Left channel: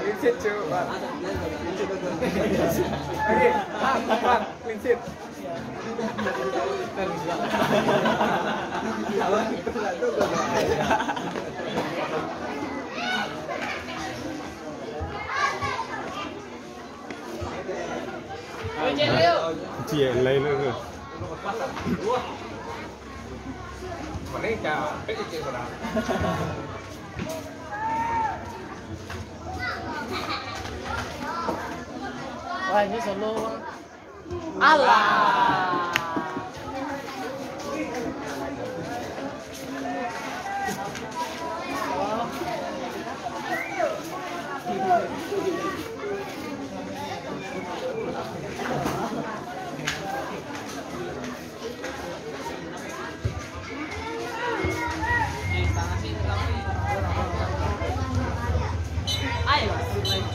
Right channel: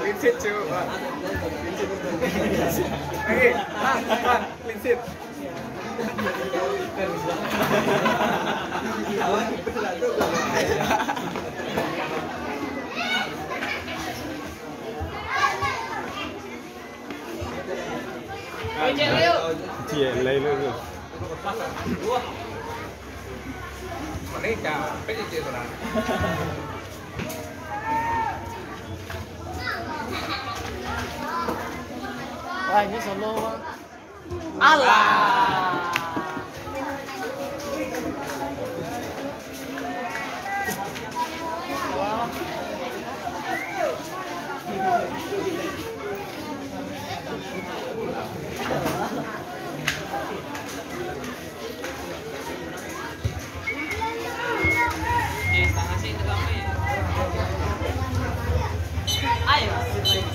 Linsit coba. Lagi, Pak, linsit. Dia lain itu. Ini capek sih sebenarnya. Wah, ini solo. Alah.